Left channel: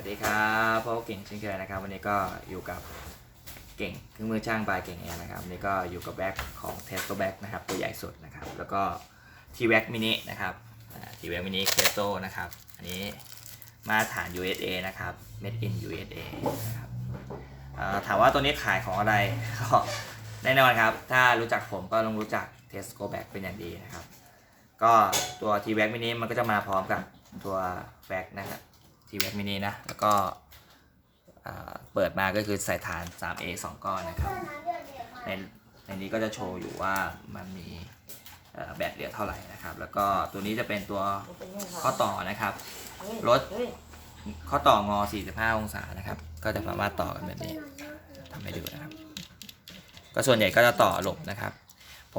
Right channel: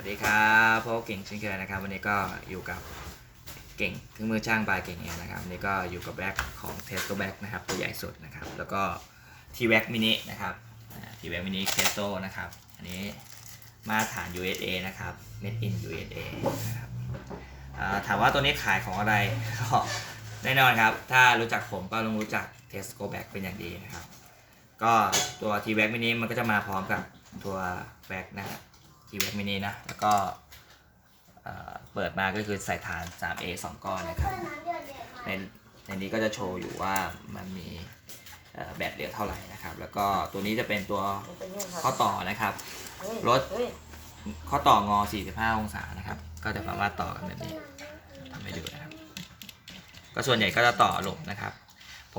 วัสดีครับพบกับเก่งเช่นเคยนะครับ วันนี้ก็อยู่กับเก่งเครื่องมือช่างบายเก่งแอร์นะครับวันนี้ก็อยู่กับแบ็คของเทสโตแบ็คนะครับ ตัวใหญ่สุดนะครับ แล้วก็ทีแบ็คมินินะครับทีแบ็คมินิเคสโตนะครับ อันนี้มาตรฐาน USA นะครับ made in USA นะครับถามว่าตัวนี้ขายของอะไรก็แน่นอนครับ ถ้ารู้จักผมก็ต้องรู้จักเทสโ o แบ็คเป็นอย่างดีนะครับ ก็ตัว t w a c mini มันก็จะมาพร้อมกับตัวแบ็คนะครับ t w a c mini นะ แล้วก็เปิดมาก็คือใส่ฐาน 3A 2 ก้อนนะครับ ในในนี้ก็จะโชว์อยู่ว่ามันมีแบตเหลือเท่าไหร่นะครับ แล้วก็ตัวนี้จะเป็นตัวข้อต่อนะครับ รถข้อต่องอ 45 องศานะครับ ก็จะสามารถต่อกันแบบนี้ทำให้ดูนะครับ ก็ส่วนใหญ่ก็จะต่อหลบนะครับ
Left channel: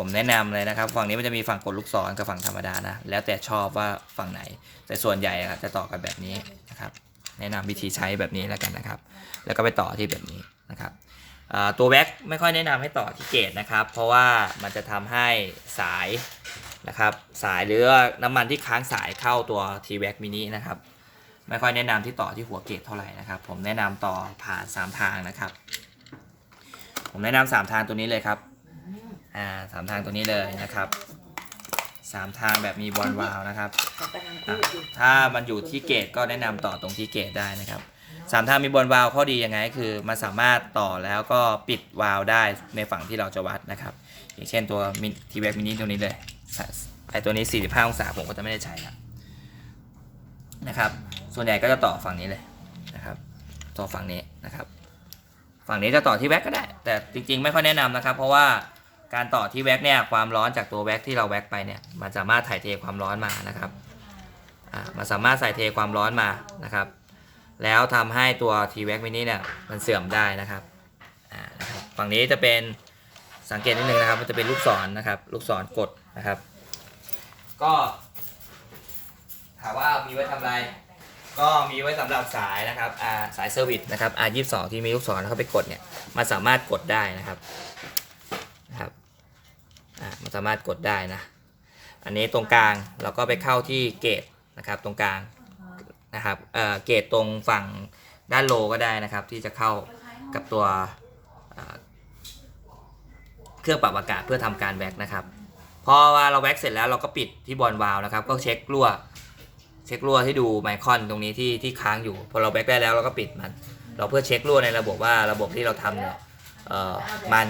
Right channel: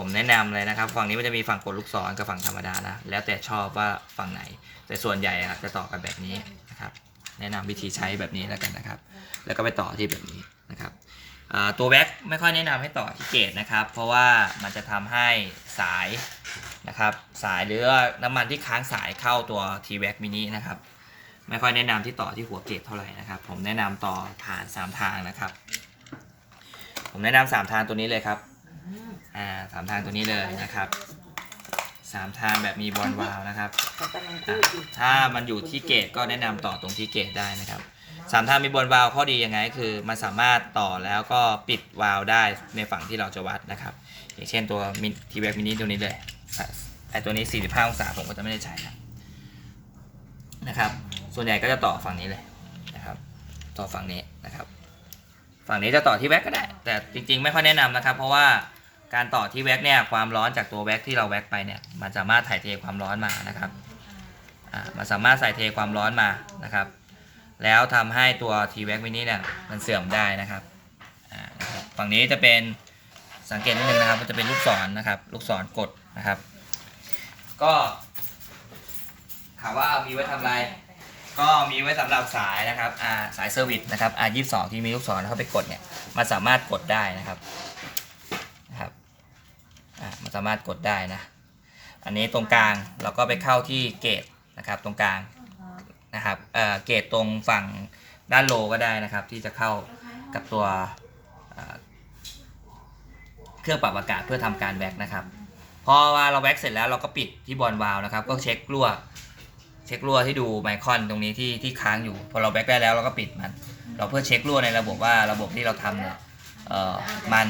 ผมแนะนำเลยนะครับ ฝั่งนี้มันจะมีฝั่งกดลูกศรกับฝั่งธรรมดานะ แล้วแต่ชอบว่าฝั่งไหน แต่ส่วนใหญ่อะจะต่อกันแบบนี้นะครับ แนะนำวิธีใช้แบบนี้แล้วกันนะครับ แล้วก็ไปต่อที่แบบนี้นะครับตัวแว็กไม่ค่อยแนะนำให้ต่อที่เกตนะครับ เพราะว่ามันจะทำให้สายนะครับ สายหรือน้ำมันที่ค้างสายเข้าตัว t w a c mini นะครับ ไม่ค่อยแนะนำที่ต่อที่หัวเกตเท่าไหร่นะครับ ผมแนะนำต่อผ่าน3ทางนะครับ ผมแนะนำสามทางตัวนี้เลยครับ อ่าสามทางตัวนี้เลยนะครับสามทางแบบมีบอลวาลนะครับอะถ้ามันอยู่ที่เกตก็แนะนำต่อตรงที่เกตได้นะครับสามทางมีบอลวาลข้อดียังไงก็คือมันสามารถต่อแล้วก็ปิดวาลได้ในฝั่งที่เราจะวัดนะครับ อย่างเช่นตัวมิทีแบ็กมินิตัวนี้เลยแต่ตัวนี้ 45 องศาผมก็จะไม่ได้ใช้นะนะครับ ส่วนใหญ่ก็จะต่อฝั่งนี้เลยนะครับ ต่อฝั่งนี้นะครับ ฝั่งนี้จะต่อที่แว็กก็ได้ แต่จริงๆ ไม่ค่อยแนะนำนะครับ เพราะว่า การต่อที่แว็กเนี่ยความร้อนจากตัวแว็กที่เราแว็กไปเนี่ยมันสามารถถ่ายเทความร้อนมานะครับอ่ามันสามารถใส่เทความร้อนมานะครับ แล้วทำให้ตัวทีแว็กมินิเนี่ยมันเสื่อมได้นะครับอ่านะครับฝั่งนี้จะเป็นสังเกตนิดนึงนะครับ มันจะเป็นลูกศรนะครับ ลูกศรกดนะครับ ก็ถามว่ามีไว้ทำอะไร ก็มีไว้สำหรับสายนะครับอ่าสายเซอร์วิสนะครับ R22 ที่มีลูกศรแล้วเข้าไปกดเนี่ยมันสามารถกดได้นะครับ อ่ามันสามารถกดได้นะ อันนี้ตรงกลางเราก็ไปเข้าที่เกตนะครับตรงกลางนะครับเอ่อเกตตรงฝั่งด้านโลก็ได้นะครับ ที่จะเข้ากับตัวเครื่องปรับอากาศเพื่อทำการแว็กนะครับพอว่าเราแว็กเสร็จแล้วเราก็ปิดที่บอลวาล์วนะครับ ก็เช็ครั่วเช็ครั่วที่ดูไมคอนตรงนี้ที่ที่ค้างอยู่ พอเราแบ็กได้แล้วเราก็ปิดมัน เราเพื่อเช็ครั่วในระบบว่าระบบที่เราทำเนี่ยมัน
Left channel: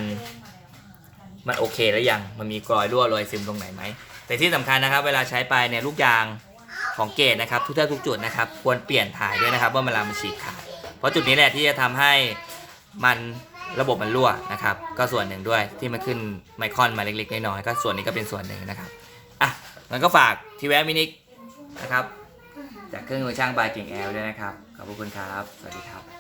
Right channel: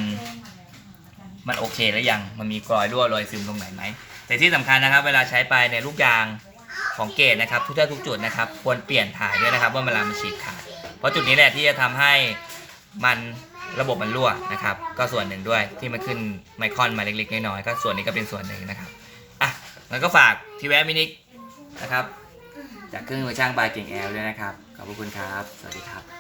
มันโอเคแล้วยังมันมีกรอยรั่วรอยซึมตรงไหนไหมแต่ที่สำคัญนะครับ เวลาใช้ไปในลูกยางของเกตนะครับทุกท่าทุกจุดนะครับ ควรเปลี่ยนถ่ายด้วยนะครับว่าเวลามันฉีกขาดเพราะจุดนี้แหละที่จะทำให้มันระบบมันรั่วนะครับ ก็ส่วนหนึ่งด้วยที่มันขึ้นไมคอนมาเล็กๆน้อยๆก็ส่วนนี้ก็เป็นส่วนหนึ่งนะครับอะมันก็ฝากทีแวะมินินะครับ จากเครื่องมือช่างบายเก่งแอลด้วยนะครับขอบพระคุณครับ สวัสดีครับ